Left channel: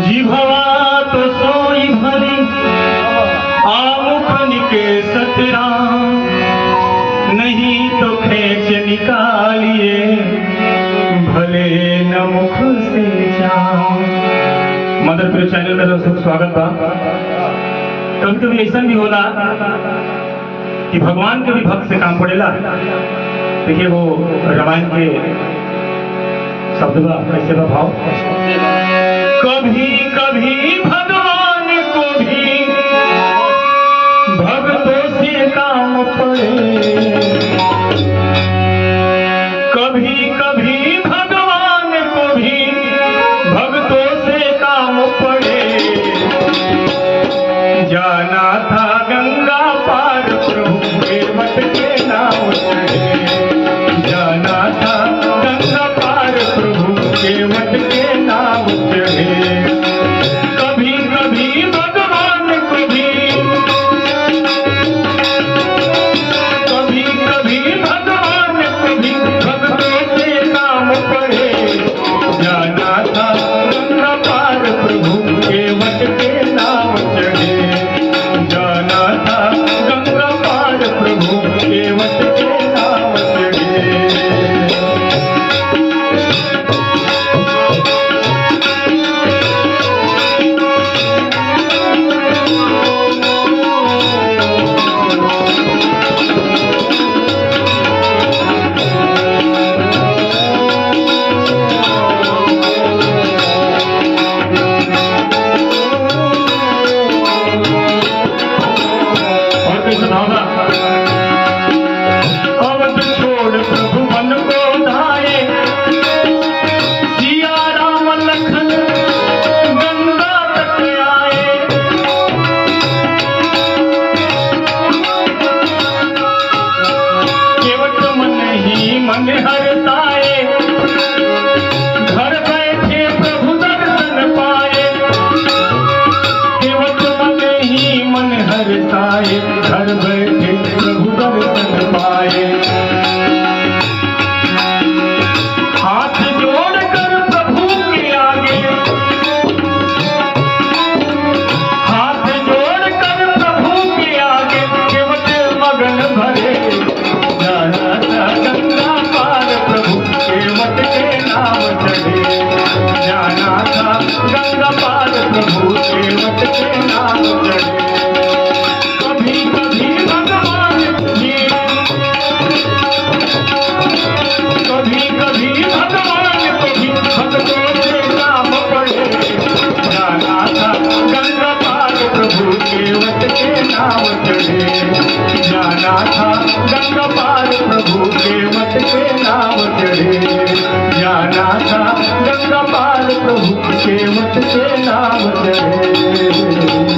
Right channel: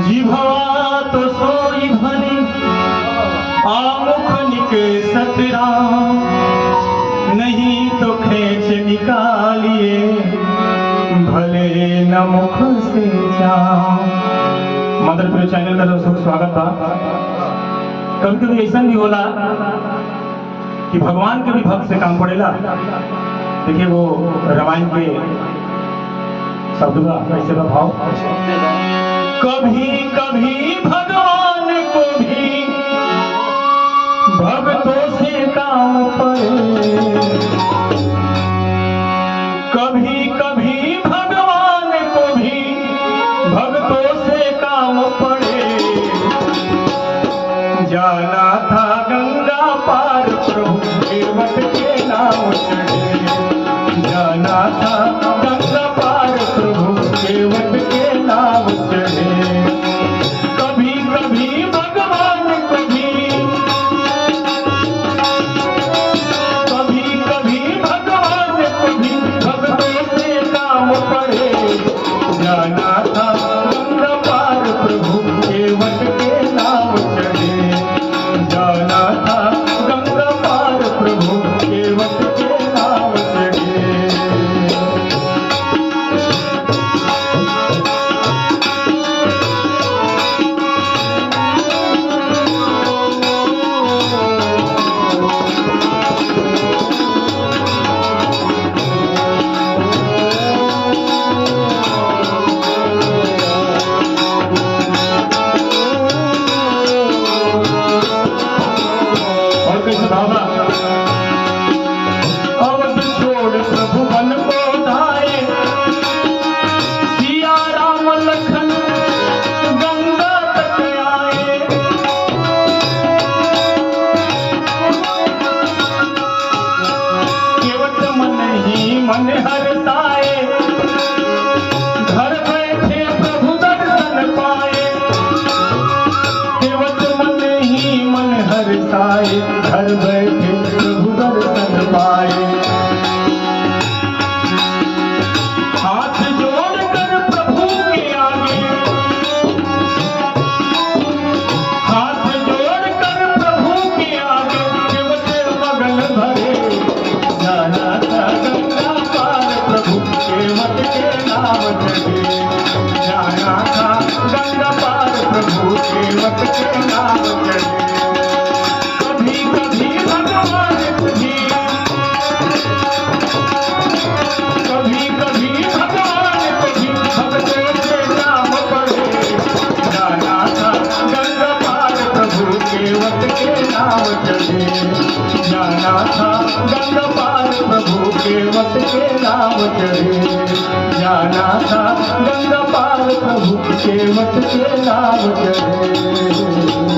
जिभवा तो सोई भली आमुख के सतरा, नहीं तो खेच निकालिए भले न मुख से जाओ। मदर प्रिय चैनल में दोस्तों स्वागत बा। कभी कभी ऐसा भी होला कि भगवान के भी भक्त से काम पड़ेला। देखिए वो रामायण के शब्द का कैसे भाव, कभी कभी भगवान को भी भक्तों से काम पड़े, कभी कभी भगवान को भी भक्तों से काम पड़े। जाना था गंगा पार प्रभु केवट के नाम चढ़े, जाना था गंगा पार प्रभु केवट के नाम चढ़े। कभी कभी भगवान को भी, कभी कभी भगवान को भी भक्तों से काम पड़े। जाना था गंगा पार प्रभु केवट के नाम चढ़े, जाना था गंगा पार प्रभु केवट के नाम चढ़े। और कैसे भावना, अवध छोड़ प्रभु मन को धाये, सिया राम लखन गंगा तट आए। केवट मन ही मन हरसाए, घर बैठे प्रभु दर्शन पाए। केवट मन ही मन हरसाए, घर बैठे प्रभु दर्शन पाए। हाथ जोड़कर प्रभु के आगे, हाथ जोड़कर प्रभु के आगे केवट मगन भरे। जाना था गंगा पार प्रभु केवट के नाम चढ़े, जाना था गंगा पार प्रभु केवट के नाम चढ़े। कभी कभी भगवान को भी, कभी कभी भगवान को भी भक्तों से काम पड़े। जाना था गंगा पार प्रभु केवट के नाम चढ़े, जाना था गंगा पार प्रभु केवट के नाम चढ़े, जाना था गंगा पार प्रभु केवट के नाम चढ़े।